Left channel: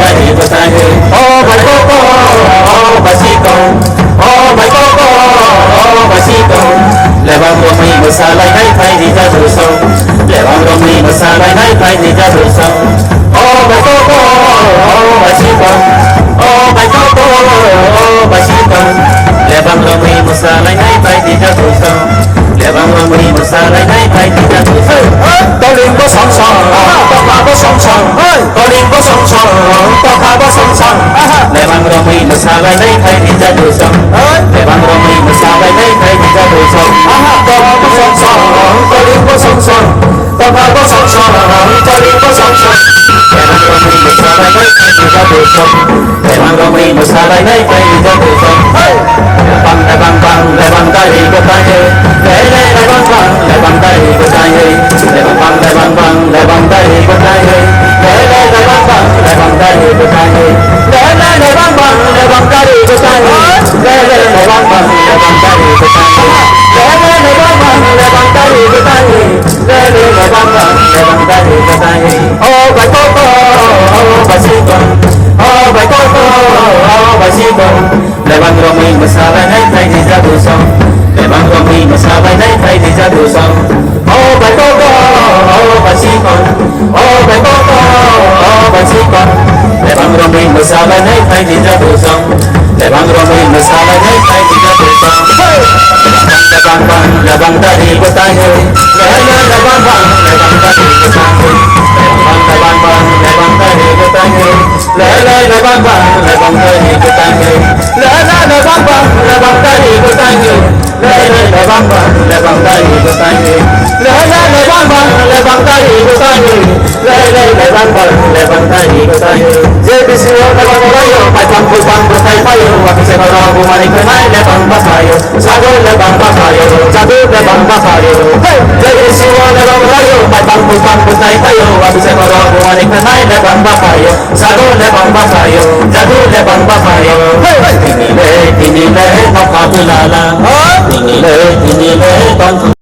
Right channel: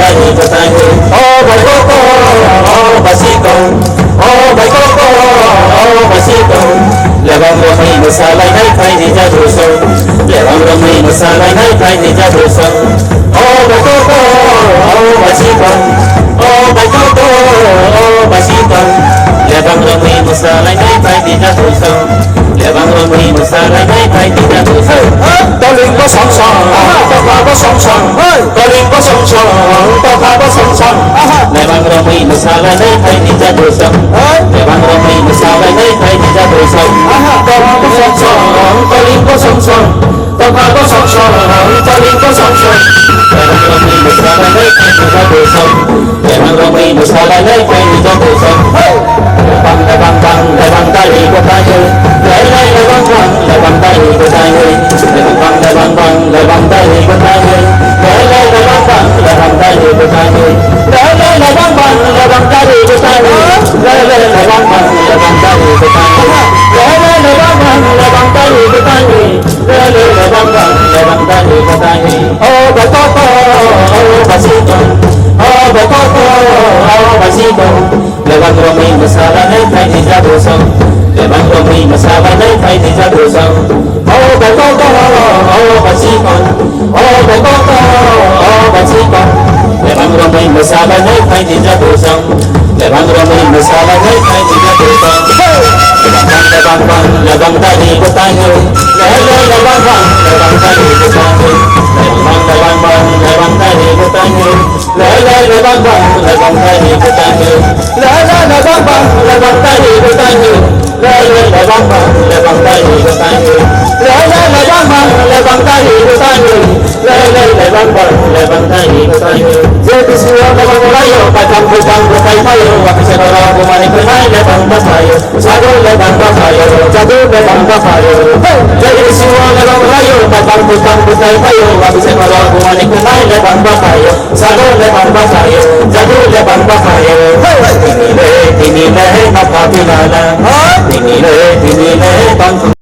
oh besito, oh besito, oh besito, oh besito. Levando mi masala y hay ni ya dulce. Levando mi masala y hay ni ya dulce. Oh besito, oh besito, oh besito, oh besito. Levando mi masala y hay ni ya dulce. Levando mi masala y hay ni ya dulce. Tôi liền có sẵn sàng, tôi qua có sẵn sàng, tôi liền có sẵn sàng, tôi qua có sẵn sàng. Levando mi masala y hay ni ya dulce. Levando mi masala y hay ni ya dulce. Tôi qua có sẵn sàng, tôi liền có sẵn sàng, tôi qua có sẵn sàng, tôi liền có sẵn sàng. Levando mi masala y hay ni ya dulce. Levando mi masala y hay ni ya dulce. Levanta y cotaje, levanta y cotaje, levanta y cotaje, levanta y cotaje, levanta y oh besito, oh besito, oh besito, oh besito. Levando mi masala y ni ya dulce. Levando mi masala y ni ya dulce. Oh besito, oh besito, oh besito, oh besito. Levando mi masala y ni ya dulce. Levando mi masala y ni ya dulce. Levanta y cotaje, levanta y cotaje, levanta y cotaje, levanta y cotaje, levanta y cotaje, levanta y cotaje, levanta y cotaje, levanta